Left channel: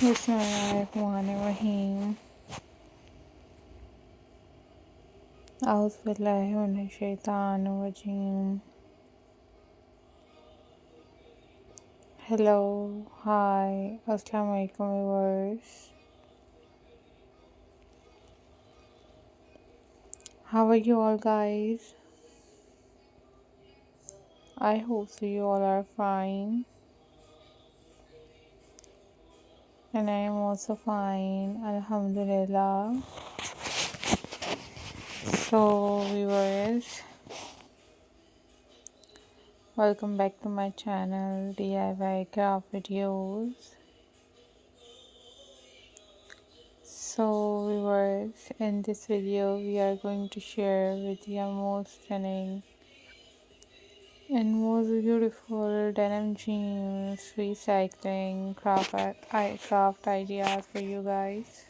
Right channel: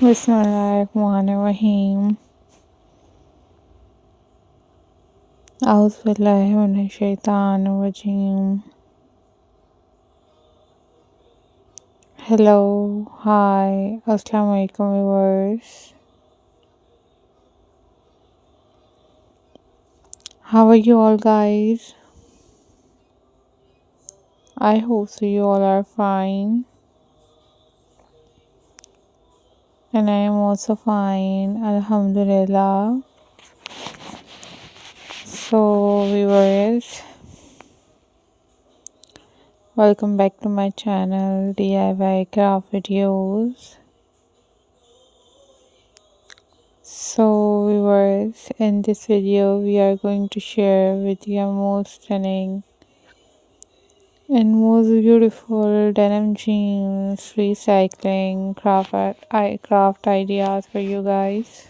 Bismillahirrahmanirrahim. Auzubillahi minash-shaytanir-rajim. Hello, hi, assalamu alaikum viewers. How are you all guys? I hope so you all are fine. And I am also fine, Alhamdulillah. So viewers, welcome back to my channel DIY craft videos. So viewers, in this video we are going to share with you most stunning and most beautiful denim jeans recycling craft ideas for you guys.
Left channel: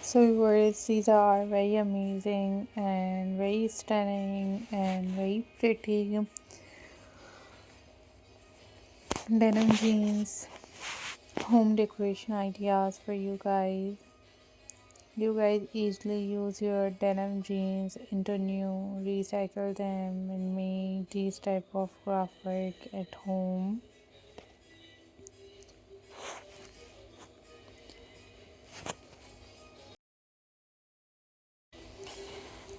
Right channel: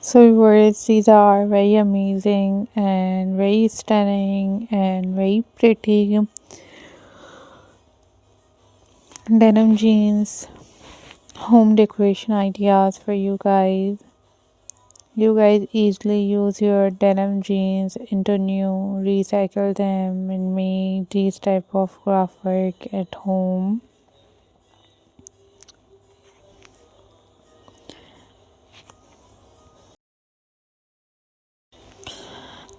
So viewers, these are very amazing and very stunning and very pretty denim jeans home decoration ideas for you guys. You guys easily use your denim jeans into new, recycle them and make these type of craft work at home.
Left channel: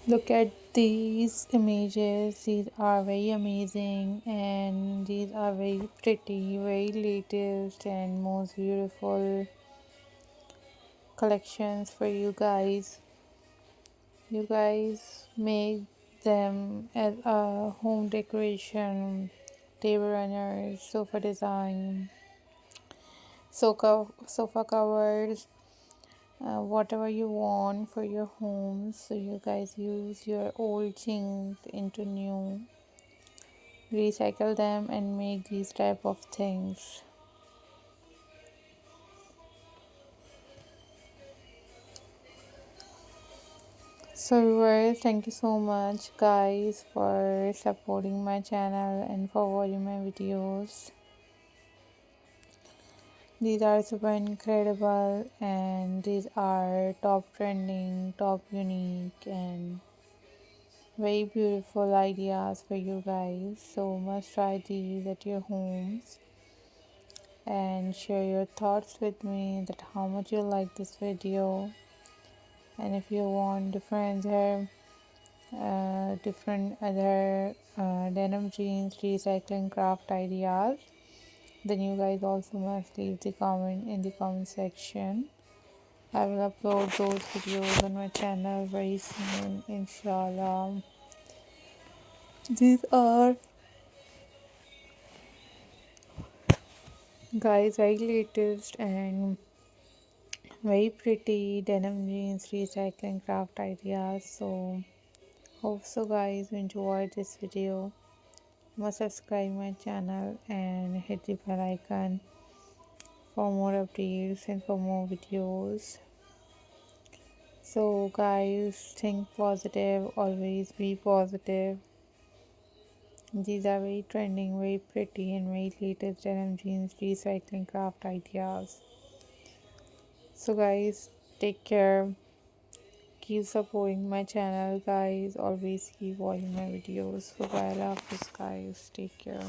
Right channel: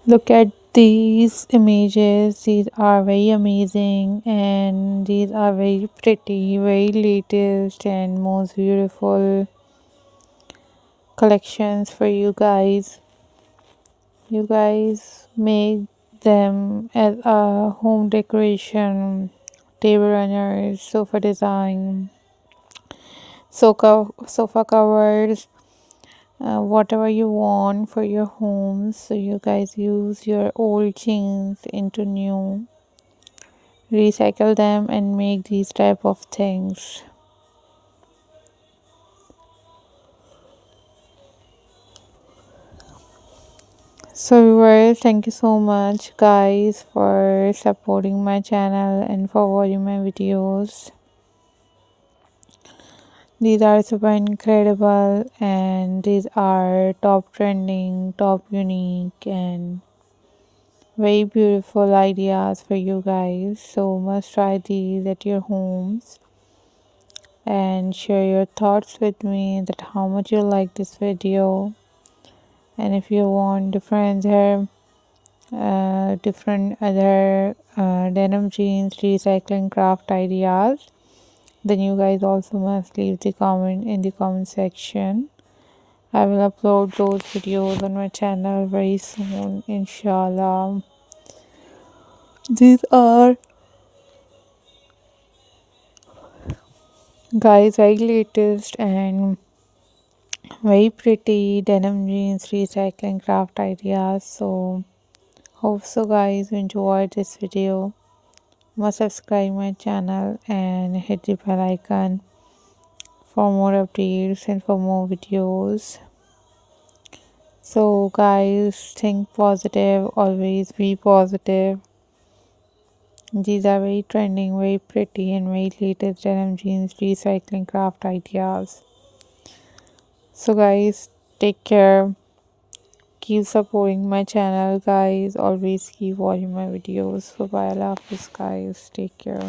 Look at these images. These are very amazing and these are very pretty, very latest and most beautiful collections for you guys. You guys make them as a home decoration, table runners, sofa design, sofa covers, whatever you want for your home. So you guys use your old jeans into new, recycle them and make these type of things. So viewers, thank you so much guys for supporting my channel and for watching my videos. These are super incredible and these are top trending, top unique and very beautiful ideas for you guys. So must try these at your homes and share your thoughts with me that how much you like this video. And if you want different other denim jeans recycling craft ideas, then you guys also must leave the comment in the comment section. I will upload those videos on my channel very soon, inshallah. These are guys very latest and very pretty denim jeans recycling craft ideas. So hope so guys you enjoyed this video. Must subscribe my channel and hit the bell icon for more updates and for more videos. So guys, think positive, always be positive. These are very trending, very pretty and very latest denim jeans recycling craft ideas. So guys, take care, keep supporting my channel guys, always keep watching my videos. Bye bye, I love this guys, take care.